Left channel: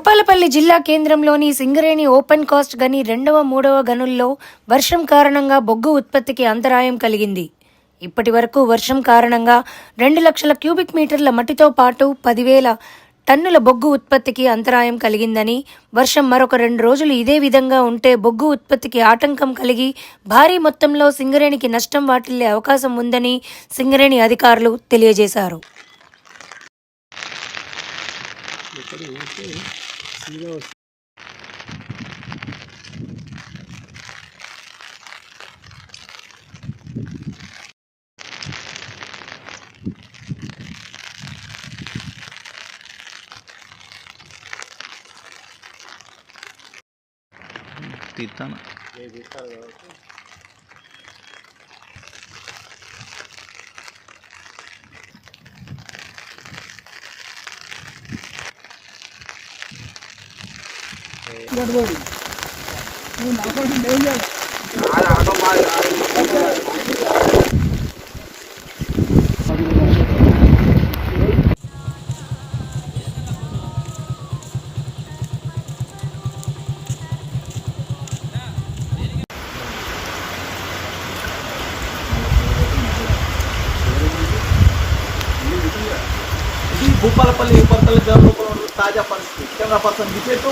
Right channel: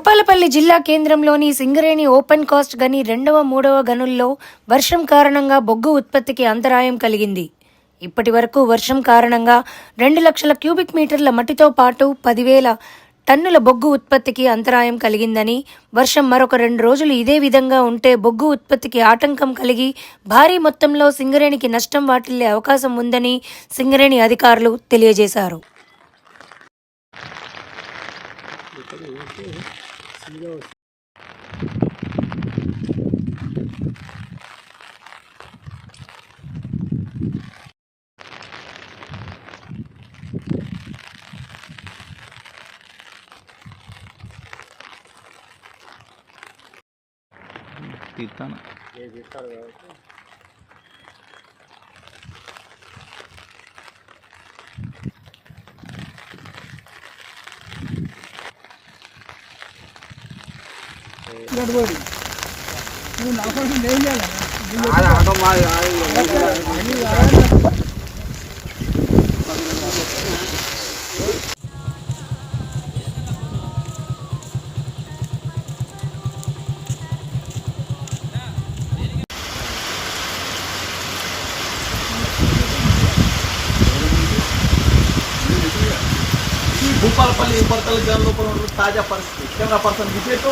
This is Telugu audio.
భూపాలపల్లి జిల్లా కేంద్రంలోని సింగరేణి ఓపెన్ కాస్ట్ గని 2వ, 3వ గనుల్లో వర్షం కారణంగా బొగ్గు ఉత్పత్తికి అంతరాయం కలిగింది. ఇప్పటి వరకు వర్షం కారణంగా 2 లక్షల క్యూబిక్ మీటర్ల మట్టితో పాటు 10,000 టన్నుల బొగ్గు ఉత్పత్తికి అంతరాయం కలిగిందని, వర్షం మరొక 2 రోజులు ఇదే విధంగా ఉంటే బొగ్గు ఉత్పత్తికి ఆటంకం కలిగి భారీ మొత్తంలో సింగరేణికి నష్టం వాటిల్లే అవకాశం ఉందని సింగరేణి అధికారులు తెలియజేశారు. తీస్తాను భూపాలపల్లి తాజా పరిస్థితి కెమెరా పర్సన్ విజయ్ తో